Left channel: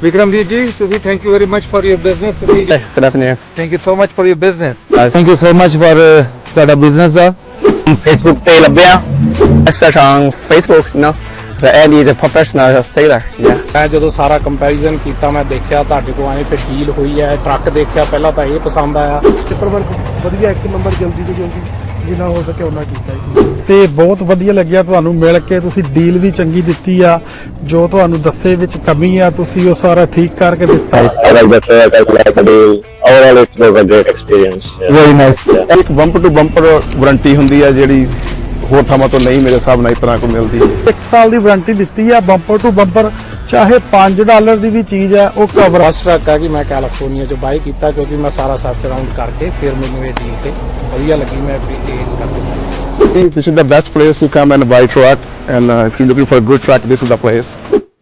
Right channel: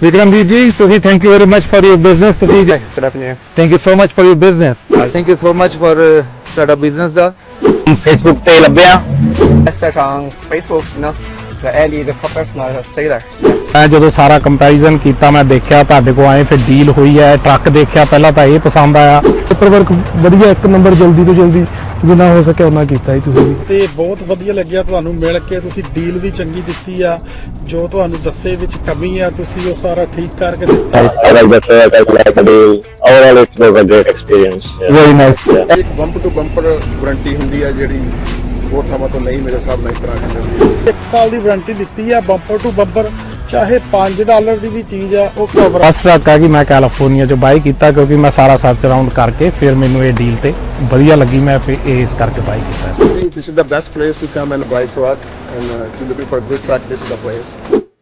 Vikramveer ji, ਤੁਸੀਂ thank you very much for your business. ਤੁਸੀਂ Good afternoon. thank you so much for your business. Thank you so much for ਤੁਹਾਡਾ business ਦਾ Facebook ਤੇ ਲੱਭਿਆ. Search on Facebook, you know. The Andy is a professional sailor. Yeah. ਮੈਂ ਜਦੋਂ ਸਾਰਾ comparison ਕੀਤਾ ਮੈਂ ਦੇਖਿਆ ਤੁਹਾਡੇ ਕੋਲ ਆਏ ਫਿਰ ਡੀਲ ਹੋਈ ਹੈ ਟਰੱਕ ਦੇਖਿਆ ਪਹਿਲਾਂ ਤਾਂ ਇਹ ਪਸੰਦ ਆਇਆ ਪੇਪਰ ਵਰਕ ਵਧੀਆ ਇੱਕ ਨੰਬਰ ਜਲਦੀ ਤੋਂ ਜਲਦੀ ਜਿੰਨਾ ਹੋ ਸਕੇ ਉਹਨਾਂ ਕੀਤਾ ਹੀ ਤੁਸੀਂ ਤੇ ਬਹੁਤ ਵਧੀਆ ਲੱਗਿਆ ਤੁਹਾਨੂੰ ਮਿਲ ਕੇ ਤੁਸੀਂ ਡੀਲ ਵੀ ਚੰਗੀ ਦਿੱਤੀ ਆ ਜੋ ਤੁਹਾਨੂੰ ਦੱਸੇ ਵਿੱਚ ਕਮੀ ਆ ਤੁਸੀਂ ਉਹ ਸਾਰਾ ਠੀਕ ਕਰਕੇ ਦਿੱਤਾ I like the truck, I like the deal. Overall, it was a great experience. Yeah. very nice. ਇੱਕ ਬੰਪਰ ਟੂ ਬੰਪਰ ਵਾਰੰਟੀ ਹੁੰਦੀ ਹੈ ਜਿਹੜੀ ਹੋਰ ਥਾਵਾਂ ਤੋਂ ਨਹੀਂ ਮੇਰੇ ਹਿਸਾਬ ਨਾਲ ਇਸ ਤਰ੍ਹਾਂ ਕੋਈ ਮਿਲਦੀ 1 ਸਾਲ ਦੀ ਵਾਰੰਟੀ ਦਿੱਤੀ ਆ ਬੰਪਰ ਟੂ ਬੰਪਰ ਚਾਹੇ $5 ਦੀ ਵੀ ਚੀਜ਼ ਆ ਉਹ ਕਵਰ ਫਸਟ ਟਰੱਕ ਹੈ ਕਿ ਮੈਂ ਕੈਲੀਫੋਰਨੀਆ ਚ ਬਾਈ ਕੀਤਾ ਕਿਉਂਕਿ ਮੈਂ ਸਾਰਾ ਸਰਚ ਅਰਾਊਂਡ ਕਰਕੇ ਫਿਰ ਮੈਨੂੰ ਇਹ ਡੀਲ ਤੇ ਵਧੀਆ ਲੱਗੀ ਮੈਂ ਇਸ ਕਰਕੇ ਬਾਈ ਕੀਤਾ I think this is the best place to come and buy truck and if you're looking for a good truck, this is the place.